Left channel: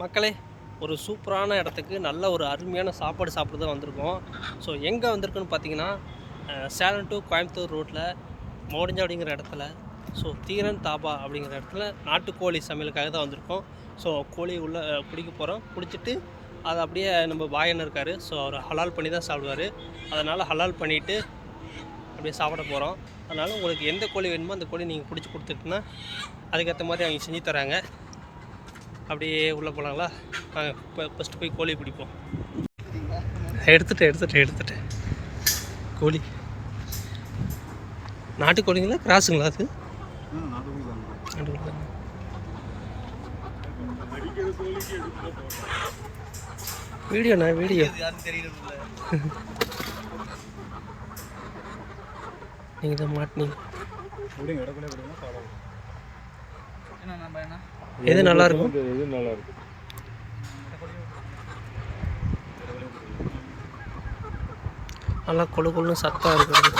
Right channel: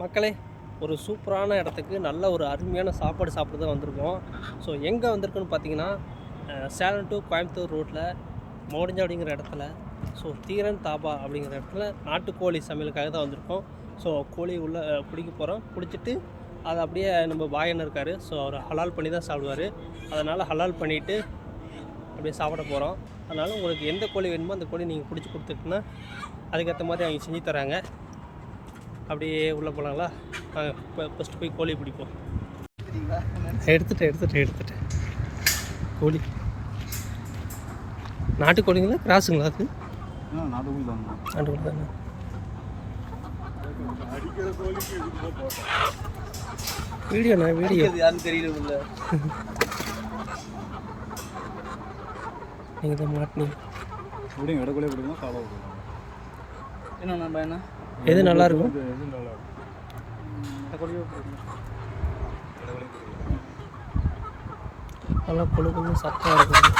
மக்களே, ஒரு சூப்பரான இடத்துக்கு நல்ல ஒரு அருமையான சாப்பாடு சாப்பிட தான் வந்திருக்கோம். ஸோ எங்கே வந்திருக்குன்னு பார்த்தீங்கன்னா, சேலம் டு கோயம்புத்தூர் ரோட்டில் மோடிஞ்சாவடிங்கிற இடத்துல, ஸோ தீரன் தாபா அப்படிங்கிற இடத்துல நாட்டுக்கோழி சமையலுக்காக தான் வந்திருக்கோம். ஸோ கோழி உள்ளே பிடிக்க போகிறோம். பிடிச்சிட்டு அதை அப்படியே நம்ம பாயன் இருக்கார், ஸோ அவர் ஹலால் பண்ணி தான் சாப்பிடுவார். அதனால் ஹலால் பண்ணிவிட்டு அப்படியே சாப்பிட போகிறோம். அதனால் உங்களுக்கு எந்த கோழி வேணுமோ அந்த கோழி நீங்கள் பிடிச்சி கொடுத்துட்டுனா அதுக்கேற்ற மாதிரி அவங்க செஞ்சு தராங்க. அப்படியே உள்ளே போகலாங்களா? இப்போ ஃபஸ்ட்டு போய் கோழி பிடிப்போம். எடுத்துட்டு கோழி நாட்டுக்கோழிங்களா கிராஸுங்களா? அது நாட்டுக்கோழி தானே. வீடியோண்ணா வீடியோ நீங்கள் தான் மாட்டினீங்க. எது நல்லா இருக்கும்? நல்லா கொழு கொழுன்னு சத்தம் இருக்குது.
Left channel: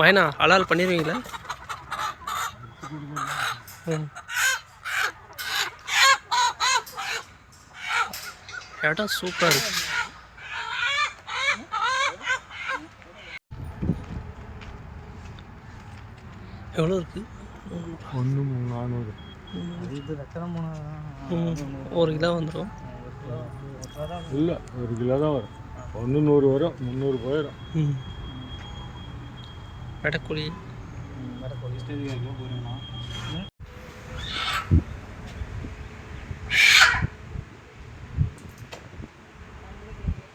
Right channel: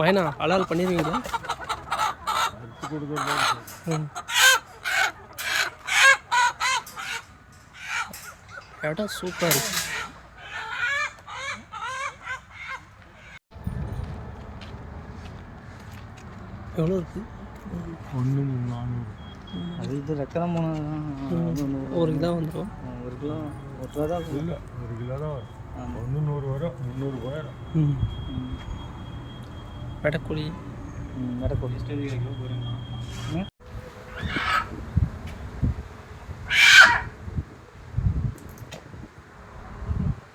மைனா ஹலால் பண்ணிடுவீங்களா? இடம் சூப்பராக இருக்கு. எவ்வளோ இருக்கு? 1,400. ஒரு கிலோ வந்துடும். இல்லை, 1 கிலோ தான் வரும். 100 வரும், 300 போயிடும். வெடக்கோழி ஸ்டேஜ் கிலோ போயிடுங்கண்ணா.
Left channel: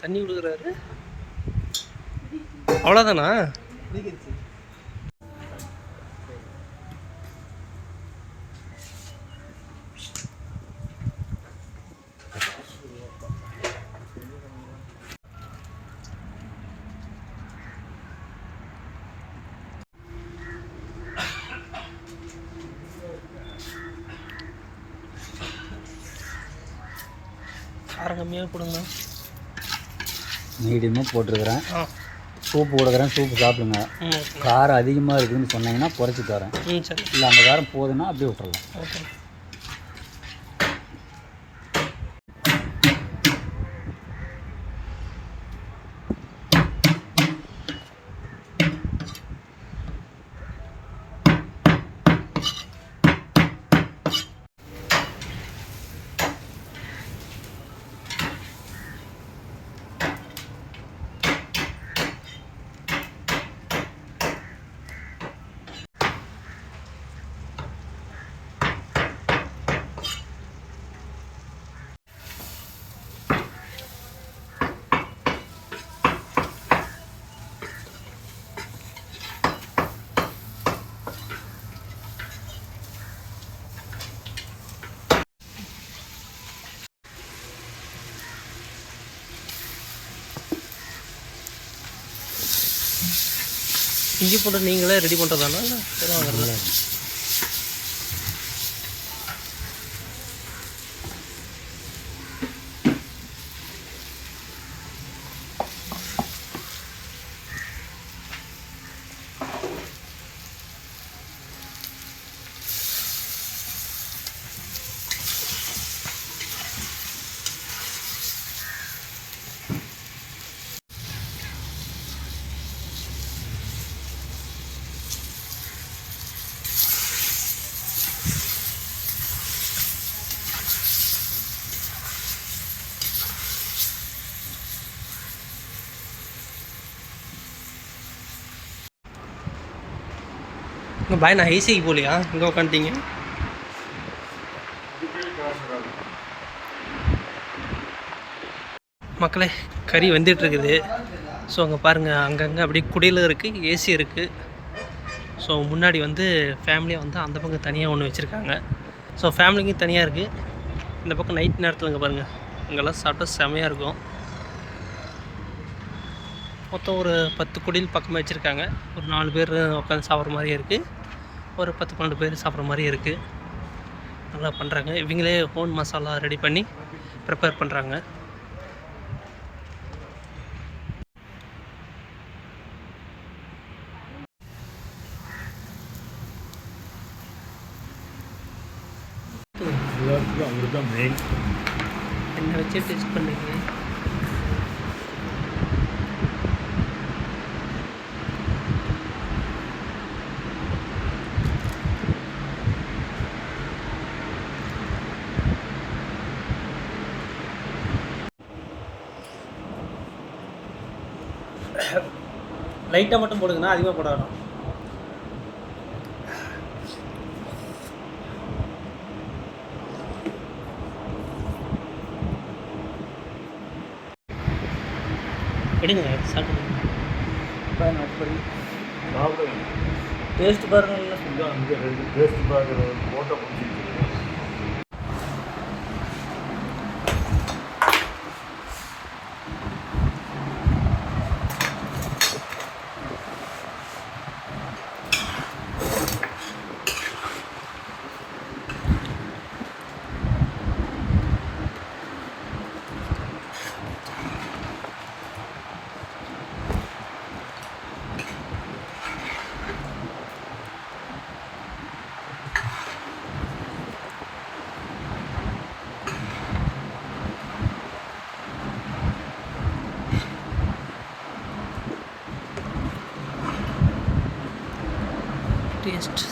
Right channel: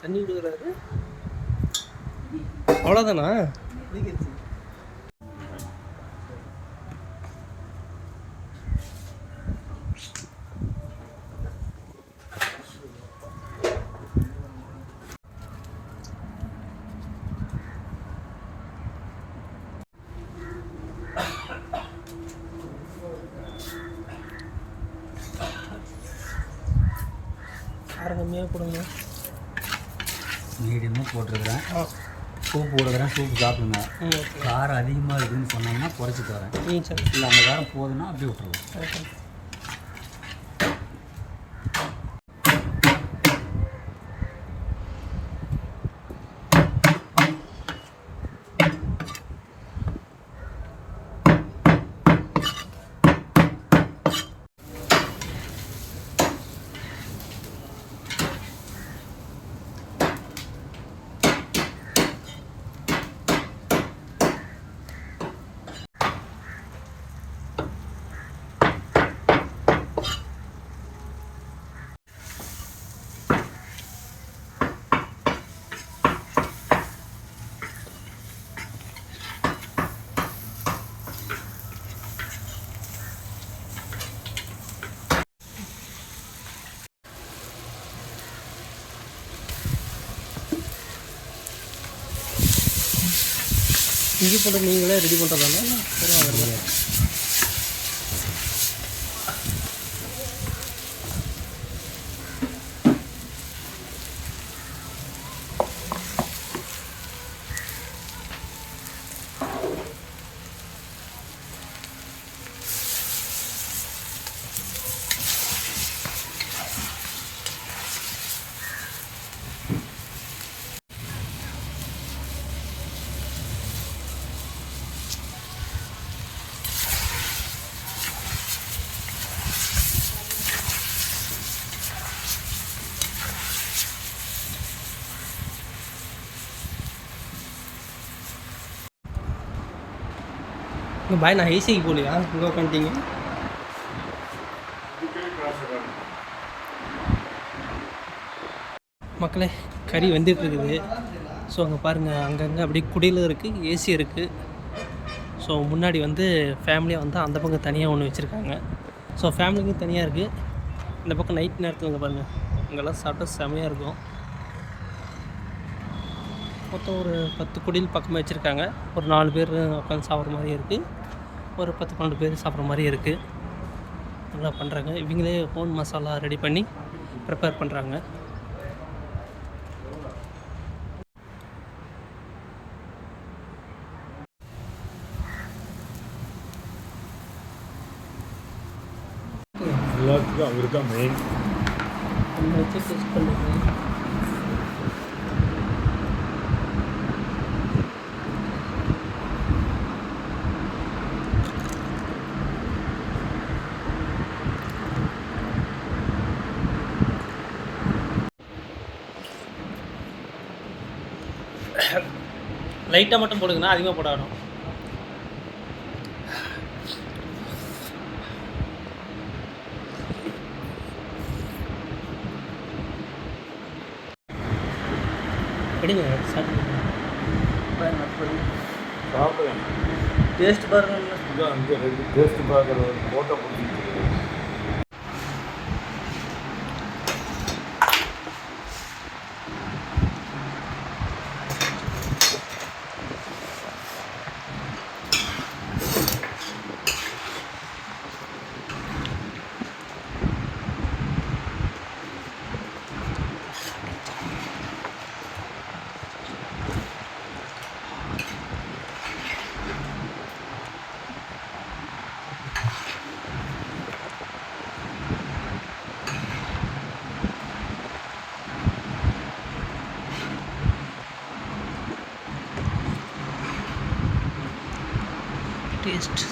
தண்ணி விடுகிறாரு, அவ்வளோதானா? காரம் கம்மியாக கொடுங்க. மீடியமாக போட்டிருக்கிறேன். சூப்பு கொடுக்குறேன், சூப்பு சாப்பிடுங்க. காரம் அதிகமாக இருக்குதுன்னு சொன்னாங்கன்னா குறைச்சி தரேன். சரி. இல்லை அந்த காரம் போதுன்னா அப்படியே விட்டுறலாம். ஓகே. இஞ்சி பூண்டு நீங்களே ரெடி பண்ணுறதானா இல்லை சரி வாங்குறதா? இங்கே பாய் நான் ஐசிக்கு போகலையா? இங்கே உட்காந்துட்டீங்க. மக்களே, கறி வந்துட்டுருக்குது. ஸோ அங்கே பாருங்கள், அங்கங்கே அப்படியே குடியில் இருக்குது, ஏசி இருக்குது. ஸோ முன்னாடி வந்து ஃபேமிலியாக வந்து அந்த பக்கம் தனியாக ஒன்று வச்சுருக்காங்க. ஸோ ஃபேமிலிக்கும் தனியாக இருக்குது. இந்த பக்கம் நைட் நேரத்தில் இங்கே பாருங்கள், இங்கெல்லாம் சாப்பிட்டா செமையாக இருக்கும். மொத்தம் ஒரு 10 குடில் பக்கமாக வச்சுருக்காங்க. ஒரு 4 பேர் உட்காந்து சாப்பிட்ற மாதிரியே இருக்குது. ஒரு 10-12 பேர் சாப்பிட்ற மாதிரியே இருக்குது. நல்லா பண்ணுறாங்க. இவங்களே ஓன் மசாலா ரெடி பண்ணி ப்ரிப்பேர் பண்ணுறாங்க. எல்லாத்துக்கும் அவர் தான் மெயின். என்ன வச்சு டெஸ்ட் பண்ணுங்க. லைட்டாக மட்டும் போடுங்கண்ணா, அதிகமாக போட வேணும். எடுங்க சாப்பிடுங்க. டேஸ்ட் பாருங்க. டேஸ்ட் பாருங்க. போட்ட பிடிச்சிருக்கு. டேஸ்ட்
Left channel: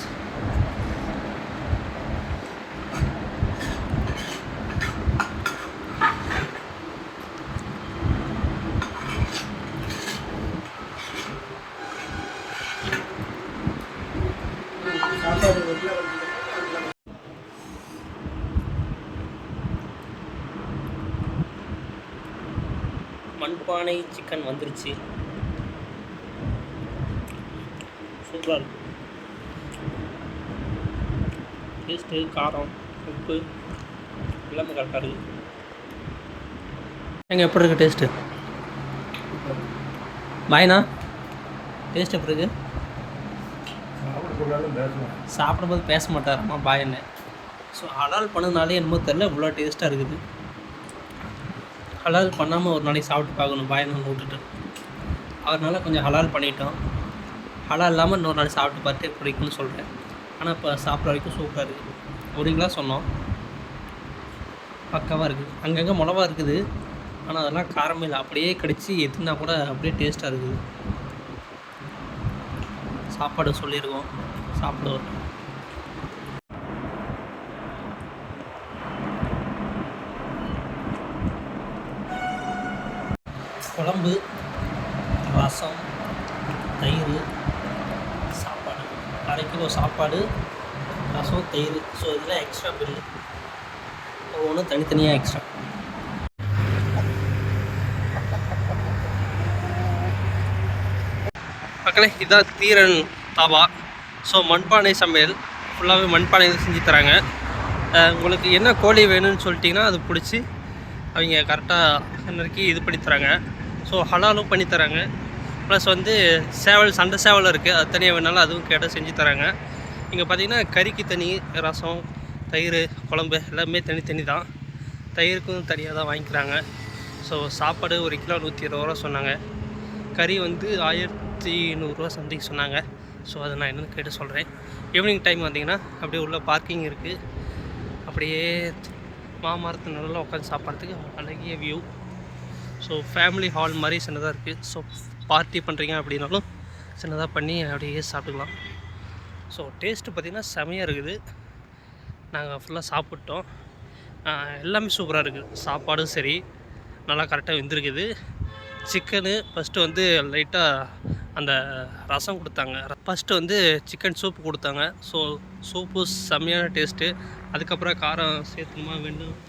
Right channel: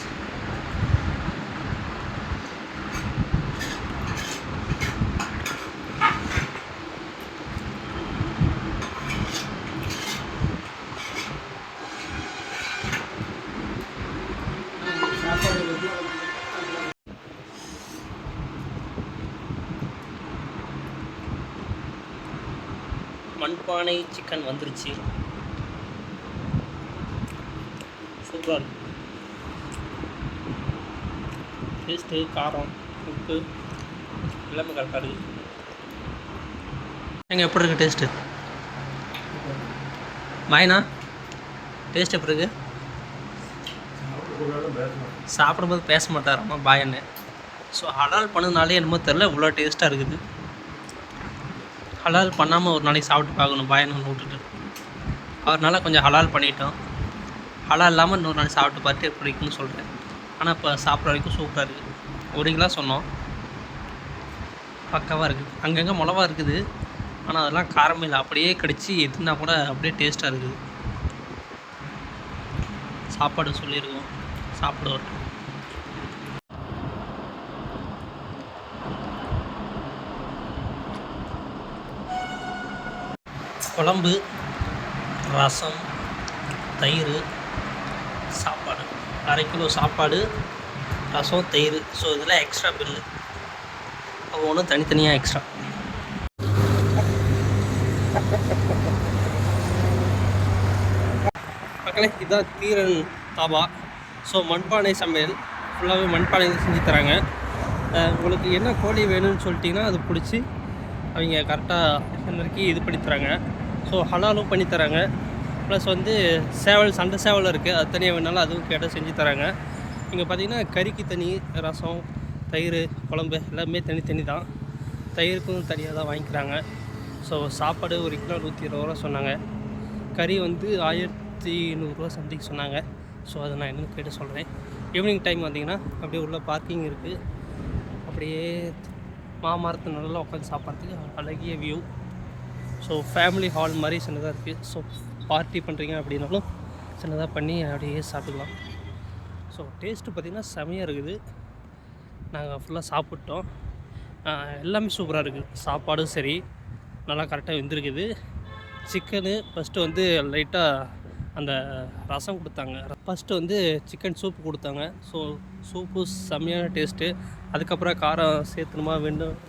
மண்பானை சிக்கன் வந்துருச்சு. சூப்பராக இருக்கு. டேஸ்ட்டு, காரம், உப்பு எல்லாமே கரெக்டாக இருக்குது. எங்கே எப்படி இருக்குது டேஸ்ட்டு? பாய்ண்ணா, டேஸ்ட் எப்படி இருக்குது? சாப்பிடும்போது பேச மாட்டாராம்மா பாய் என்ன. ஸோ ஹலால் பண்ணதுனாலே என்னமோ தெரில இவ்வளோ டேஸ்ட்டாக இருக்குது. ஹலால் பண்ணாமல் ஒரு நாளைக்கு சாப்பிட்டு பார்க்கணும் பாயன்னு விட்டுட்டு. அவர்னால கொஞ்சம் ஹலால் பண்ணிட்டோம். ஹலால் இல்லாமல் இன்னொரு நாளைக்கு சாப்பிட்டு பார்த்து எப்படி இருக்குன்னு சொல்கிறேன். ஆனால் இப்போ சாப்பிட்ற வரைக்கும் சூப்பராக இருக்குது. ஒரு கிலோ சொன்னோம், பக்காவாக இருக்குது. அங்கங்கே மிளவா இருக்குது, ஆனால் அதெல்லாம் காரமே இல்லை. அப்படியே கடிச்சு எதுனா கூட அப்படியே டேஸ்ட்டாக இருக்குது. சாப்பாடு சொல்லிடுவோம், சாப்பிடுவோம். குழம்பு, ரசம், தயிர், சாப்பாடு. 1/2 கிலோ சாப்பாடு, ரசம், தயிர். ஸோ இதெல்லாம் எக்ஸ்ட்ரா பில்லு. ஒவ்வொன்றும் தனித்தனியாக எக்ஸ்ட்ரா. மக்களே, இதுதான் தீரன் தாபா. ஸோ மண்பானை சமையல், ஃபுல்லாகவே மண்பானையில் செஞ்சு தராங்க. உங்களுக்கு என்ன கோழி வேணும்னு சொல்லிட்டிங்கன்னா அது பிடிச்சி அவங்க கரெக்டாக நறுக்கி இது பண்ணி தராங்க. ஸோ ஹலாலும் பண்ணி தராங்க. ப்ளஸ் வந்து சேவல், சண்டை சேவல் இருக்குது, அது தனியாக வேணாலும் அதுவும் கேட்டால் செஞ்சு தராங்க. இங்கே பார்த்தீங்கன்னா கறிக்கு தனி, ரசம், தயிர், குழம்பு எல்லாமே தனித்தனி தான். தயிருக்கும் தனியாக தான் வாங்கிக்கிறாங்க. ஸோ சாப்பாடு 1 கிலோ 120 ரூபா சொன்னாங்க. கறி வந்து 1100 சம்திங் சொன்னாங்க. ஸோ அதை நான் என்னென்னு கேட்டு சொல்கிறேன். ஈவினிங் டைம் வந்தீங்கன்னா அப்படியே உள்ள பார்க்கிங் இருக்குது. அப்படியே மாமரத்து நல்லா உட்காந்து சாப்பிட்றதுக்கு அழகிய வியூ. ஸோ ஃபேமிலி ஹால் மாதிரி சின்னதாக இருக்குது. ஸோ பார்ட்டி பண்ணுறீங்க அப்படின்னாலும் சின்னதாக பண்ணி அப்படியே சாப்பிட்டுக்கலாம். ஸோ டேஸ்ட்டு பார்த்திங்கன்னா செமையாக இருக்குது. நாங்கள் ஃபுல்லாக சாப்பிட்டோம். எல்லாமே சூப்பராக இருக்குது. சாப்பாடும் சரி நல்லா கரெக்டாக வெந்திருக்குது. சிக்கனு ஃபஸ்ட்டு வந்து லைட்டாக அந்த ரசம் கொடுத்தாங்க. ஃபஸ்ட்டு வந்து சிக்கன் சூப்பு கொடுத்தாங்க. ஸோ சூப்பு செம்மையான டேஸ்ட்டு. அதுக்கப்புறம் காரம் சேர்த்துணுமா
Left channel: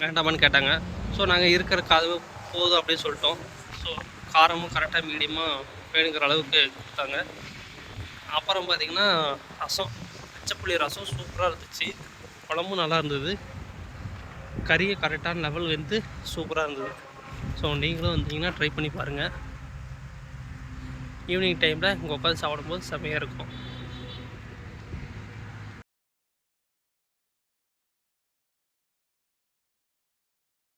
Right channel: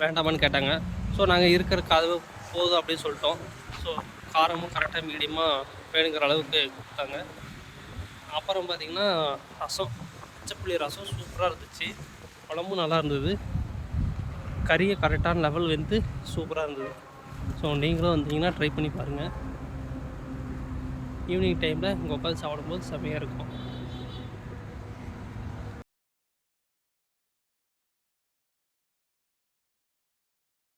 வேண்டாமான்னு கேட்டாங்க. ஸோ நாங்கள் இருக்கிற காது போதும் அப்படின்னு சொல்லிட்டோம். ஸோ காரமும் கரெக்டாக மீடியமாக வேணுங்கிற அளவுக்கு கொடுத்தாங்க. அப்புறம் பார்த்திங்கன்னா ரசம், பச்சைப்புளி ரசம் சூப்பராக இருந்துச்சு. குழம்பும் நல்லா இருந்தது. கறியை கரெக்டான லெவல் வந்து சூப்பராக இருந்தது. ஸோ நீங்களும் வந்தீங்கன்னா ட்ரை பண்ணி பாருங்கள். ஈவினிங் டைமில் இங்கே உட்காந்து சாப்பிடும்போது செம்மையாக இருக்கும்.